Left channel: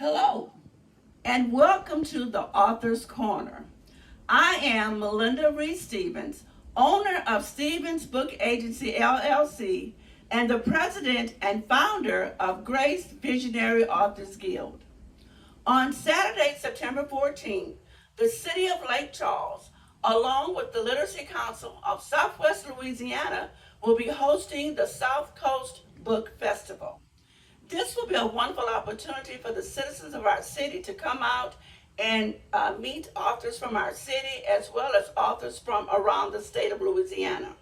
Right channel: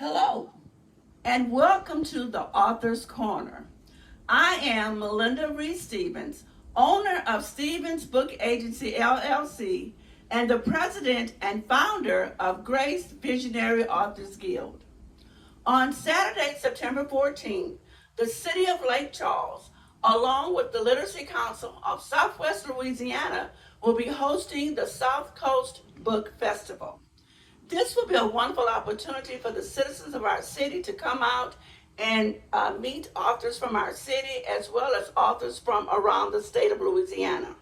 Hello, and welcome to the Author's Corner. I am Melinda Reed Stevens, owner of Stevens Book Agency LLC, and the president and founder of Grace Visionary Authors Guild. On Saturday, September 14th, the city of Lake Charles, along with the Literacy Council of Southwest Louisiana, will be hosting the South Coast Book Festival. This will be a wonderful opportunity for the citizens of our city to come out and meet authors from our city as well as authors from around the state of Louisiana.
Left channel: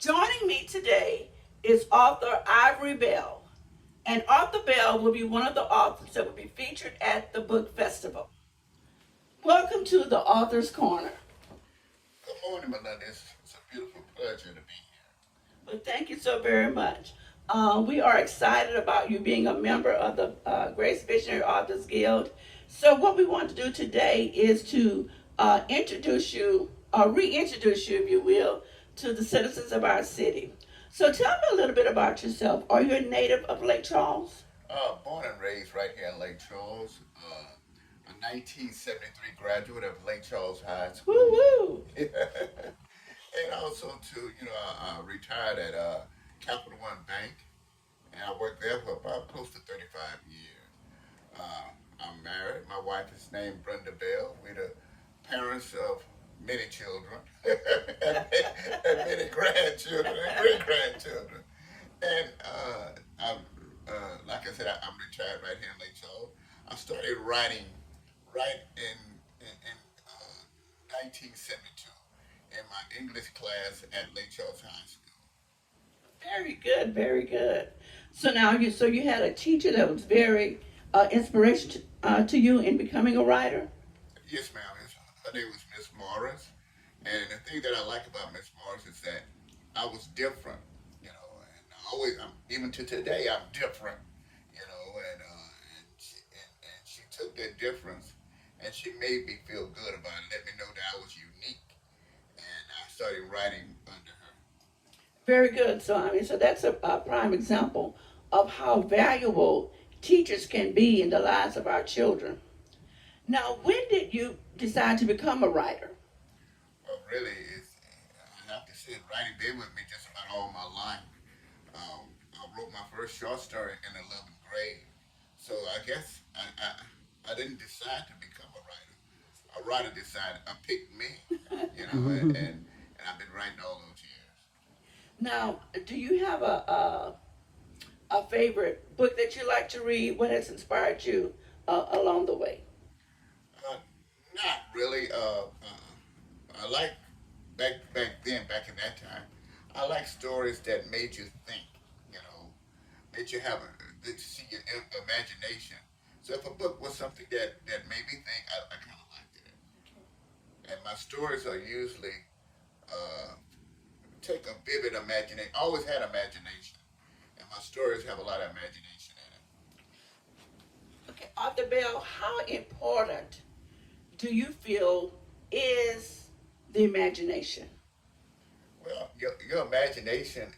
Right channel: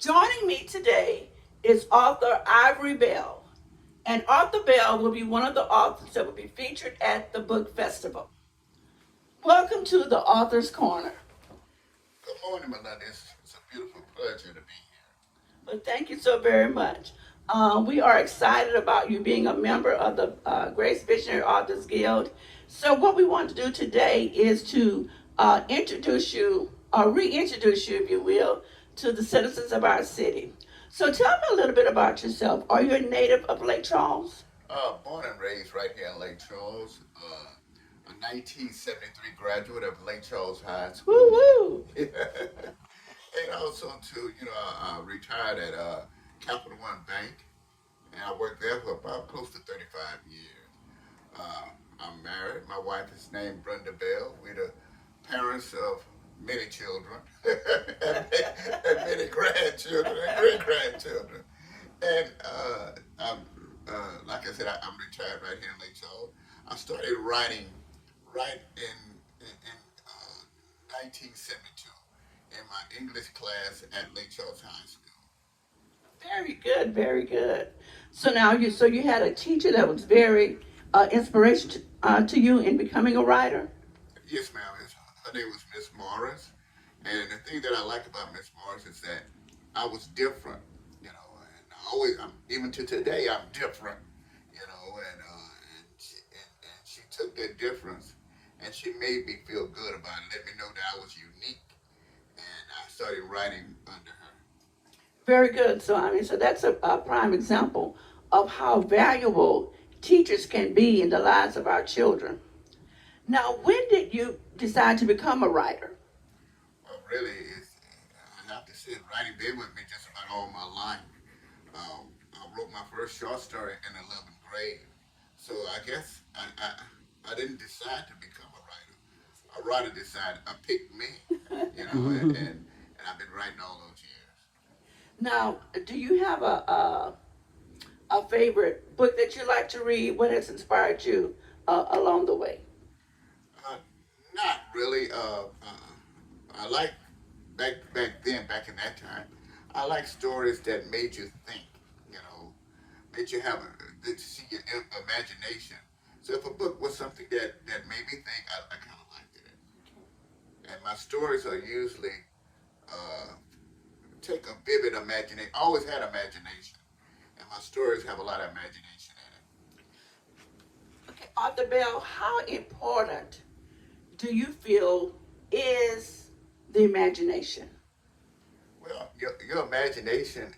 Joining me today is author Ivory Bell, and Author Bell will be one of the authors that will be featured at the book festival. Welcome to the Author's Corner. Good morning, Melinda. It's a beautiful pleasure to be here. Well, thank you so very much. We are excited about you being a member of the Grace Visionary Authors Guild. So what we want to do today is to introduce you, or reintroduce you, if you will, to the citizens of our city. So tell me a little bit about yourself. Are you a native of Lake Charles? Born and raised right here in Lake Charles. A 1973 graduate of Lake Charles High School. Woo-woo! And also, too, I retired at Capital One Bank, and I worked there for about close to 35 years. I'm married. My wife is named Brenda Bell. We're the parents of many children and many grandchildren and great-grandchildren. And like I said, I'm retired right here in Lake Charles. I started writing right in 1972 in my English class at Lake Charles High School. Very good, very good. So now you had a teacher that was very inspiration to you in becoming a writer? Yes, ma'am. Her name was Miss Morris. And the thing that I like about Miss Morris is that I was different, and even to today, I'm different, and she took that difference and she made me feel good about it, let me know that I was unique, and I started writing under her. Very good. So that's a prime example of how valuable teachers can be in the lives of our children. Now, when did you decide to become a writer? Well, really, I have to say, writing been with me just about all my life. I wrote my first short story in 11th grade, so I guess I didn't decide to become a writer. A writer decided, picked me, and I've been writing all those years. Now, do you have a favorite book that you like to read? What has inspired you along the way? Not really. I like back in that time. I like stories that made you think. Made you have that see your imagination. So if a book was something that made me think, I kind of liked it. And my stories are usually take a vivid imagination. I always had imagination, and my stories have a lot of imagination in it. Okay, Arthur Bell, how important do you feel is the imagination? Well, your imagination,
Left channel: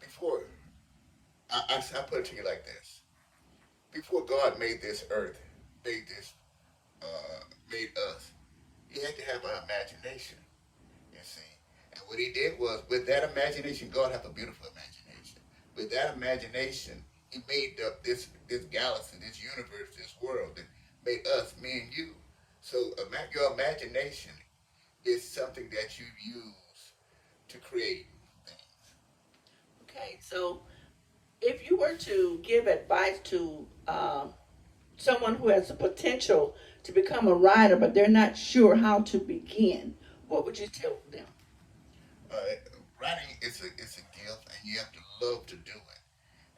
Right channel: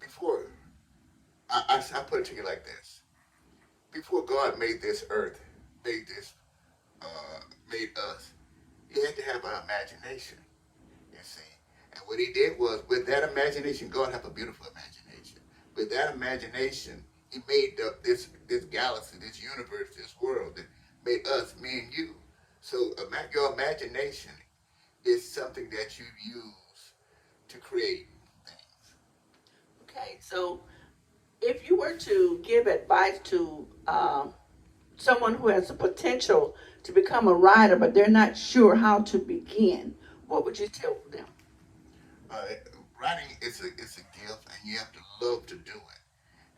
before, I put it to you like this. Before God made this earth, made us, he had to have an imagination, you see. And what he did was, with that imagination, God have a beautiful imagination. With that imagination, he made up this galaxy, this universe, this world that made us, me and you. So your imagination is something that you use to create things. Okay, so if you were to give advice to someone who has the potential to become a writer, but they're not sure how to begin, what would you tell them? Writing is a gift, and you have to love to do it.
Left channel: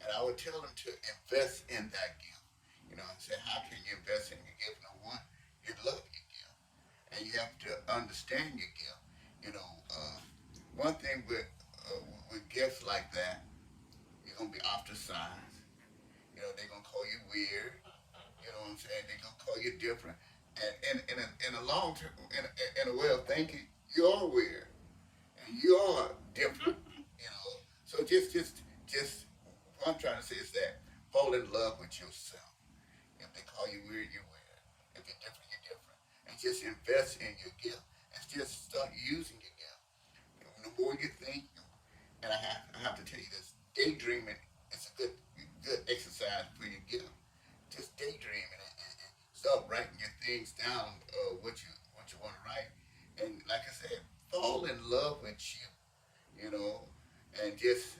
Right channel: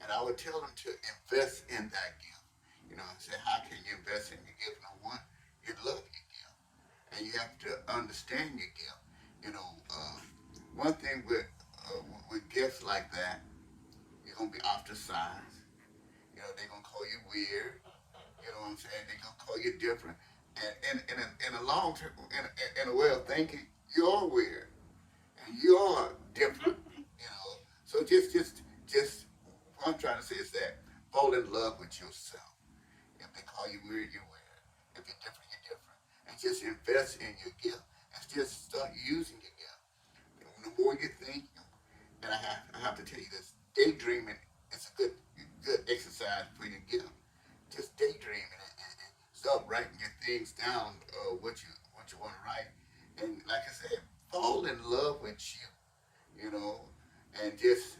And I would tell them to invest in that gift. Say, how can you invest in your gift? Number one, you love your gift, and you have to understand your gift. One thing with gifts like that, you're gonna be ostracized. They're gonna call you weird. You know what I'm saying? They're gonna call you different. And in a long term, in a way of thinking, you're weird and you're different. So just what I'm trying to say is that fall in love with yourself. If they call you weird, you're weird. If you're different, you're different. And just invest in your gift and just start using your gift. The more you think, and I have to tell you this, daydreaming is a good exercise for your gift. Just daydreaming and start writing your things down, what you want to write, and like I said, fall in love with you know, and just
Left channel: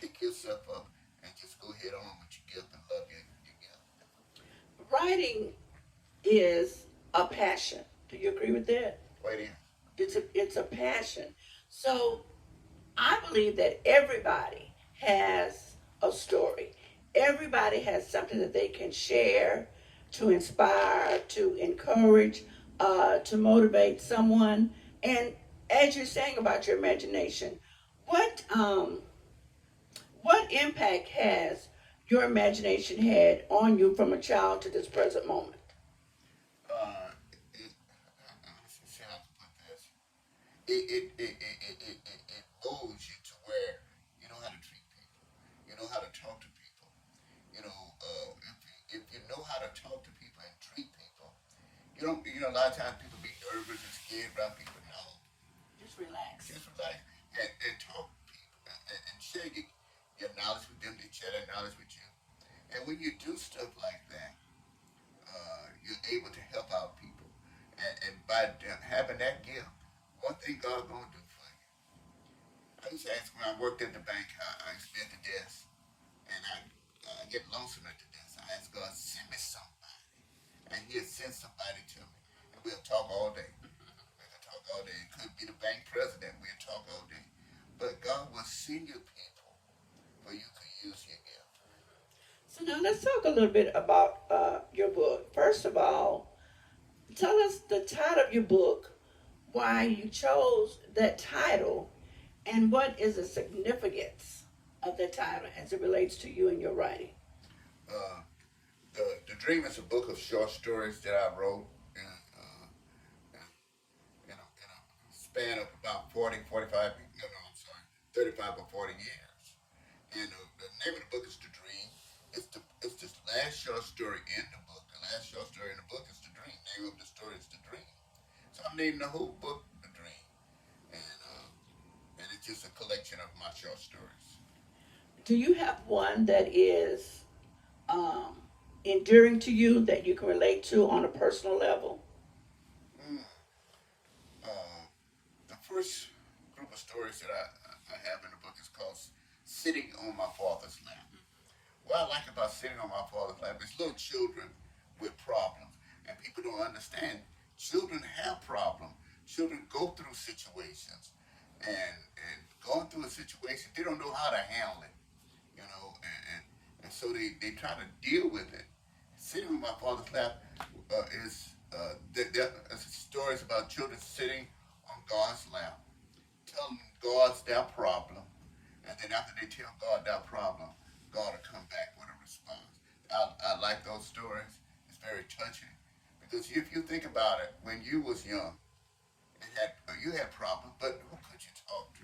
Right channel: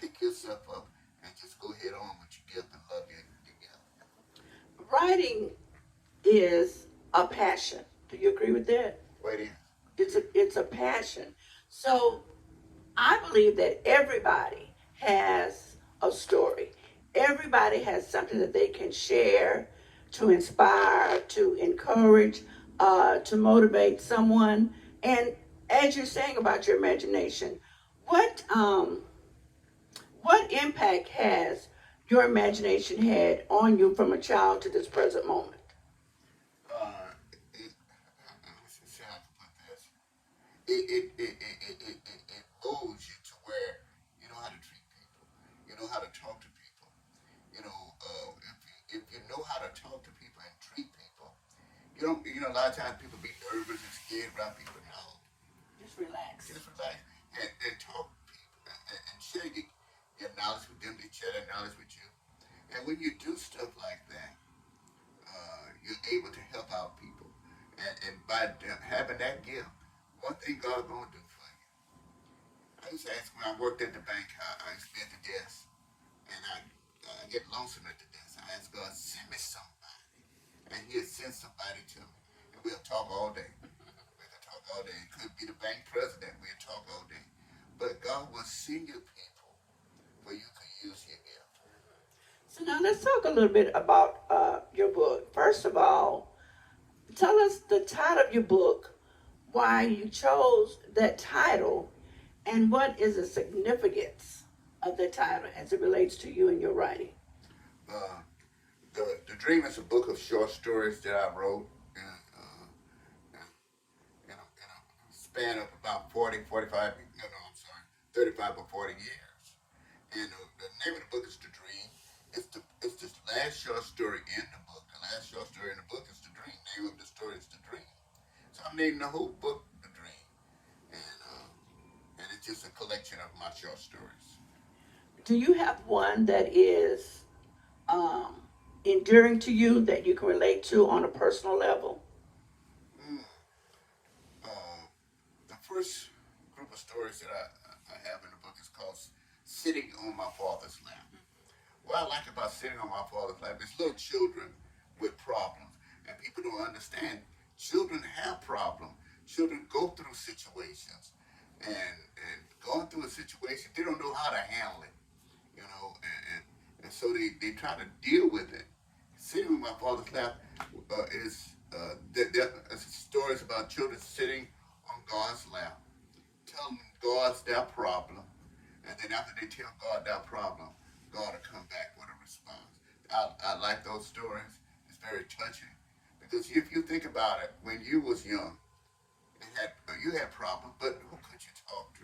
pick yourself up and just go head on with your gift and love your gift. Writing is a passion. Do you agree with that? Wait in. It's a passion. So I believe that everybody has a story. Everybody has something that they can share to inspire, to encourage, to motivate someone. And as you're saying about your imagination, what what impact has your imagination had on you from a child to this present moment? Let's see how to put this. It molds you to where you know how to treat people. You know how to talk to people. If you know how to talk to people and treat people, a lot of times people be nervous and scared around people. No, Just relax. just relax and talk to people and share your knowledge with them. They share their knowledge with you. And when you do stuff like that, you're able to help out people. And by having that gift, one thing God's going to do for you. I used to ask when I worked at the bank, I used to be at the desk, and I get lonesome at the desk. I ask God, send me somebody. And He'll send somebody to me. And we'll talk all day. We'll talk all day. It could be the bank president. We'll talk all day. But God will send you people where you can use your gift. So now let's talk a little bit about your book. First of all, tell us the title of your book, why you chose that title, and what is the significance of the title as it relates to you and your writing. Uh, the Dream is a book of short stories that I wrote in a span of about 40, 45, no, I'm sorry, 35 or 40 years. And the name of the book is The Dream. It's the last short story in the book. The last short story in the book is The Dream. The name of the story is The Dream. So I'm naming the whole book The Dream. And it's just a collection of my short stories. Do you have one that is um, enduring to you that you can relate to on a personal level? Mm. Uh, the first group of stories that I have in the book is called Sitting on My Father's Lap. What I like about sitting on my father's lap is little children with problems, and people don't understand. Children have problems. Children go through situations, and going through a situation, they don't know how to handle it, and so they try to deal with it. Sitting on my father's lap there are stories about children sitting on God's lap, telling God's their problem, and then after they tell God their problem, God will come back with a response. I like those stories. It's very touching because if you think about it, when you was young, you had problems, but who could you talk to?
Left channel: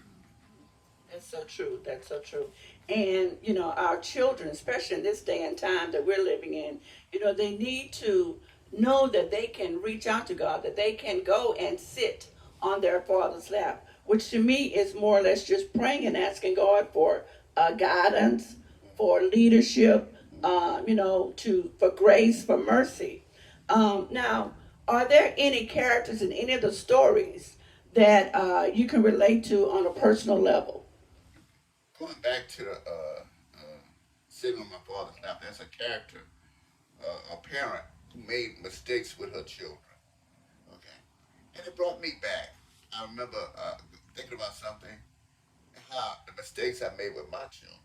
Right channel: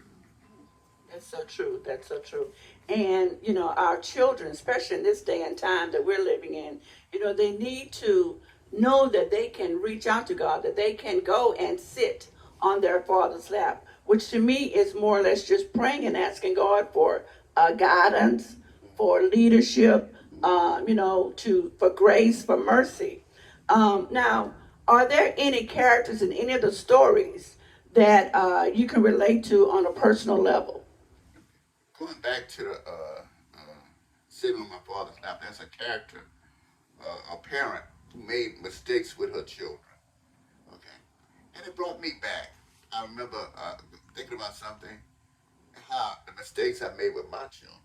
That's so true. That's so true. And, our children, especially in this day and time that we're living in, they need to know that they can reach out to God, that they can go and sit on their father's lap, which to me is more or less just praying and asking God for guidance, for leadership, for grace, for mercy. Now, are there any characters in any of the stories that you can relate to on a personal level? Going back to sitting on my father's lap, there's a character, a parent who made mistakes with her children. Okay, and it brought me back. I remember thinking about something, how the mistakes I made with my children.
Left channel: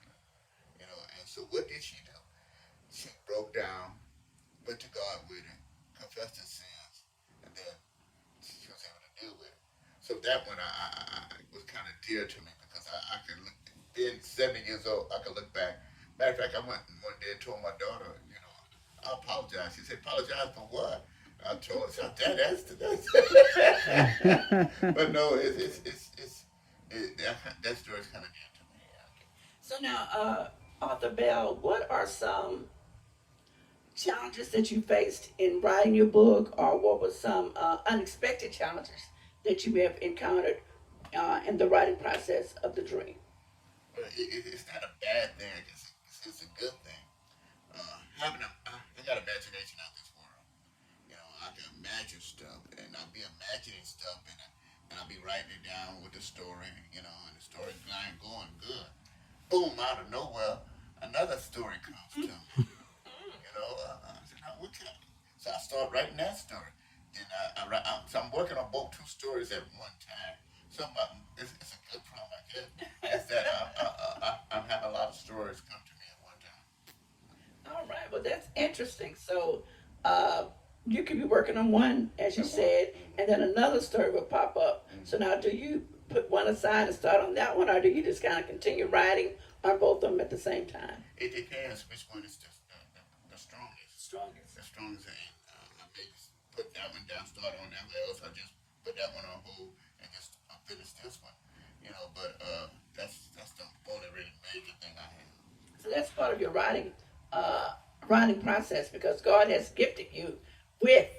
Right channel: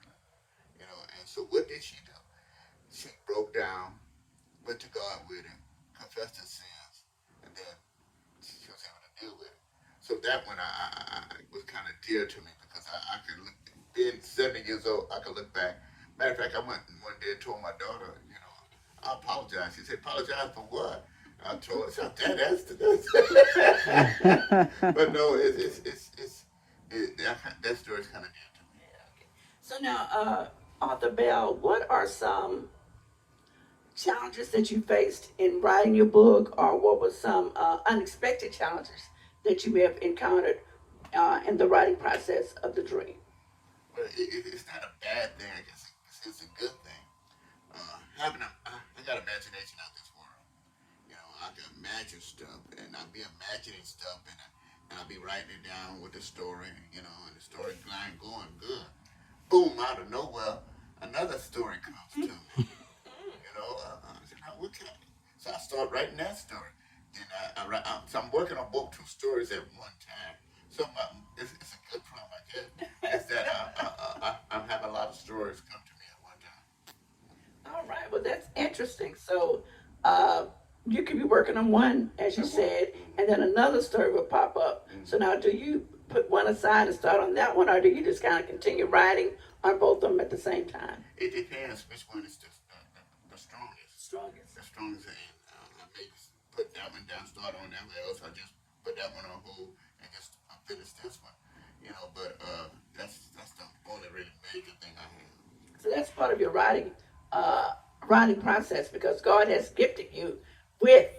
And so what did she do? She broke down, went to God with it, confessed her sins, and then she was able to deal with it. So that one I was kind of dear to me because I could look, being 70 years old, I could look back. Matter of fact, I went one day and told my daughter, I apologize. She said, apologize for what? I told her, Dad, that's the But no, that story's kind of dear to me. So now, Arthur Bell, what are some challenges that you faced in writing your book, or what was some unexpected challenges that you may have encountered in the writing process of the dream? But it's not a bad thing. It's a good thing. I got imagination out this world. I can imagine stuff, and I'll be imagining stuff, and I'll be writing it down with the story, and the story line going good. Boom, out of nowhere, another story comes to me. I said, what can I do? So I start writing that story. Then so I'm working on both two stories at one time. So it's a good problem, I guess. Is that I'm having a lot of stories come to me at one time. All right, well, that's interesting. So you could be working on one, as you said, and then another story will pop up. So now, do you put one aside and start on that one, or do you just kind of continue writing on both of them at the same time? It depends which one is the strongest. Strongest. The strongest, and I may just put that one down, start on that one, else I just put that one on hold and just finish this one. But that's the only really major thing I have. So that's part of your writing process, because God has gifted you with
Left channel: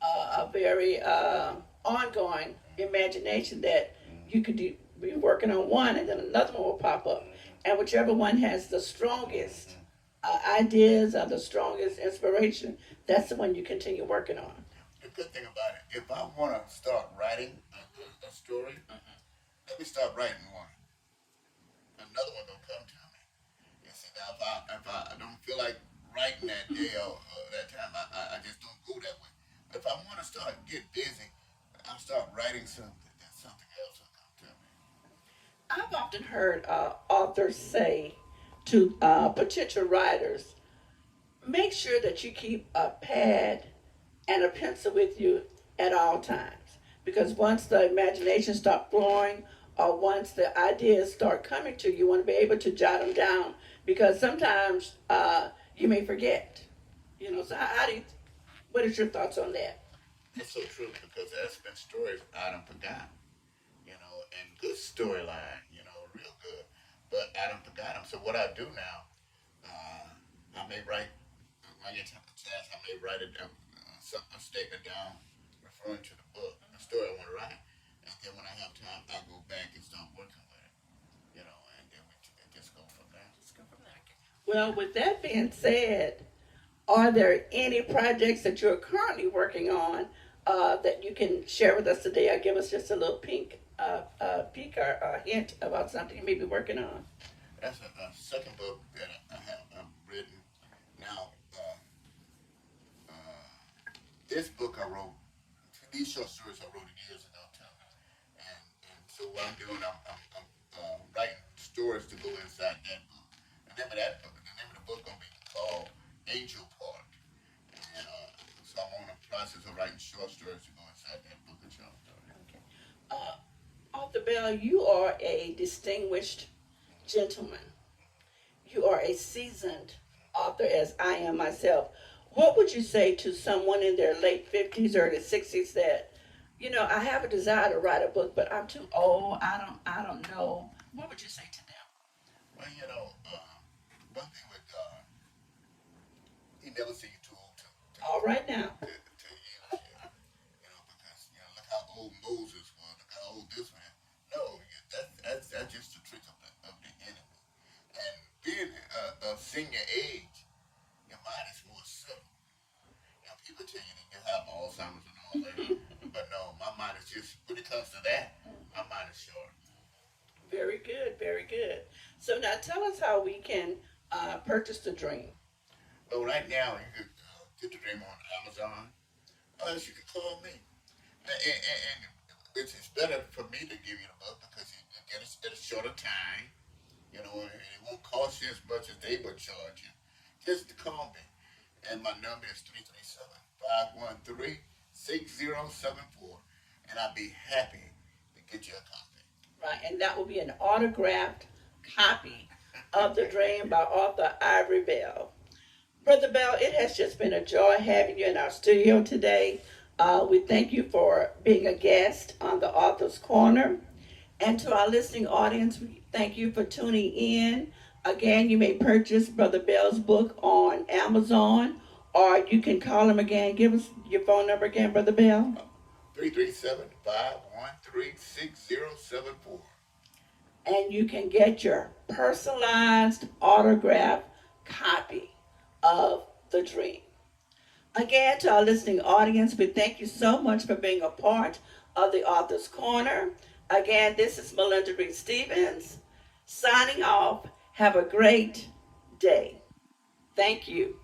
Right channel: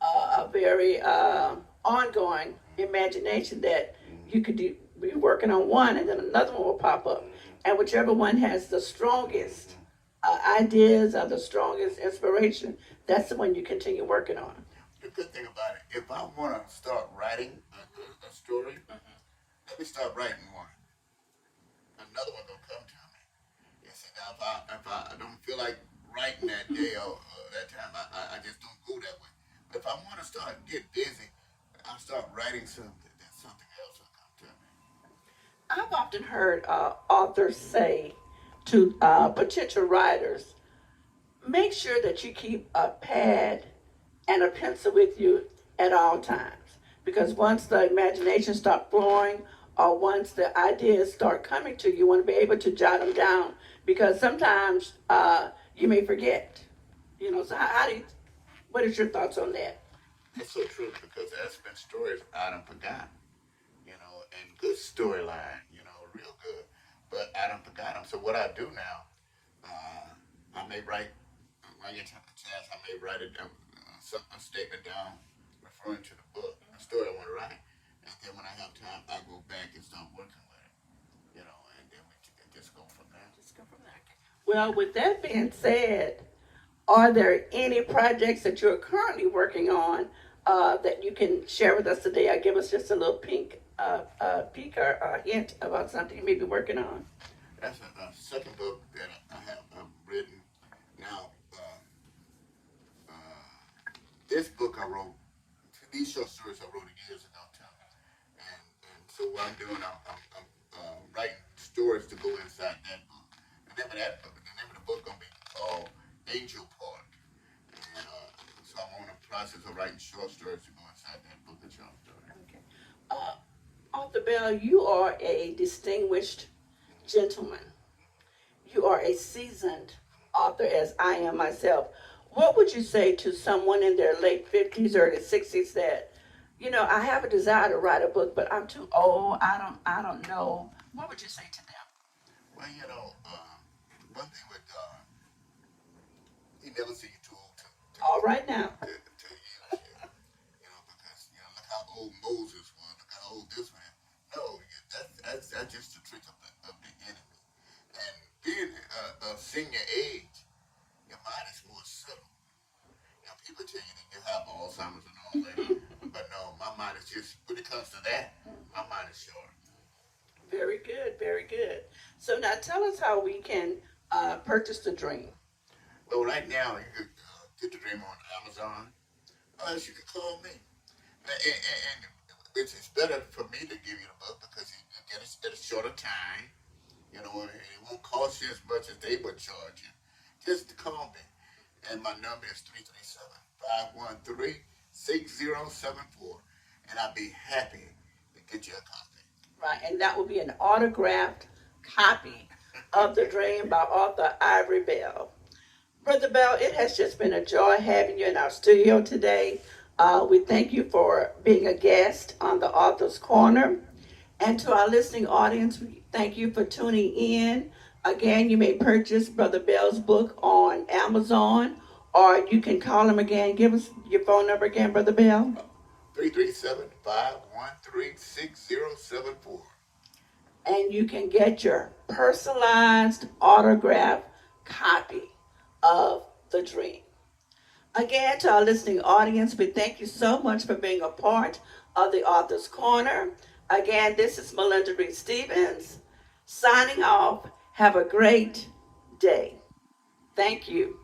a very ongoing imagination that you could be working on one, and then another one will pop up, and whichever one has the strongest ideas or the strongest inspiration, that's the one you continue working on. The good thing about it, if I want to start writing a story, let me start writing one. Another one will come to me. You see, now if I don't feel like writing that day or that time, I just don't go that way. But if I want to get busy, I'll start writing something, then something else will come to me. I've often heard authors say to potential writers, make sure that you keep a pad and a pencil with you at all times. Because once the imagination starts flowing, or once the ideas start coming to you, you want to be able to jot them down. Because sometimes you may forget. So what is your thoughts on that? That's so true, because there's been stories I done forgot, and good storyline, real good. But I done forgot them. So what I do now, I may write, when I get a chance, I may write a statement down referring to the book, a story I want to write. And then when I have time, I go back and start working with it, and then we just go from there. Well, with that being said, are there any projects that you're currently working on that you can share with us today, or give us just a little peek or a hint about something you may be working on? That's a second book that I've written. Now, this book I wrote, these short stories I wrote years ago, and so what I'm doing, I'm writing stories to go inside that book. The name of the book gonna be called Angel Park. And so I'm on the process of writing short stories to go inside that book of short stories. Okay. Author Bell, you are a distinguished gentleman. You are a seasoned author, as I am myself. What would you say to someone in their late 50s, early 60s that, I have a desire to write a book, but I'm too old, I don't know. What would you say to them? Well, one thing with God, He never see you too old to All right now. to use you. Because look how old Moses was, look how old this man. No, that's just the trick of the enemy. And being of senior age, your mind is more subtle. People tell you that you have Alzheimer's and all that, but no, my mind is just, when it comes to that, my mind is short. Very good, very good. So now tell us how we can purchase the dream. Well, right now, you could get the dream on Amazon, or else you could call me. And it's better for me to give you the book, because you get it at a shorter time, and it won't cost you as much as they would charge you. Just to call me. And my number is 337-513-6074, and I'll be happy to get you a copy. Right, and that will be an autographed copy of The Dream by author Ivory Bell. Brother Bell, it has just been a joy having you in our studio today. We thank you for being a guest on the Author's Corner. And to our listening audience, we thank you for tuning in. Again, you may purchase Brother Bell's book on Amazon, or you can call them again. Give us your phone number again, Brother Bell. 337-513-6074. And you can get your personalized autograph copy of the dream. Again, to our listening audience, we thank you so much for being a part of the Author's Corner. Again, this is Melinda Reed Stevens signing off. Have a great day. Thank you.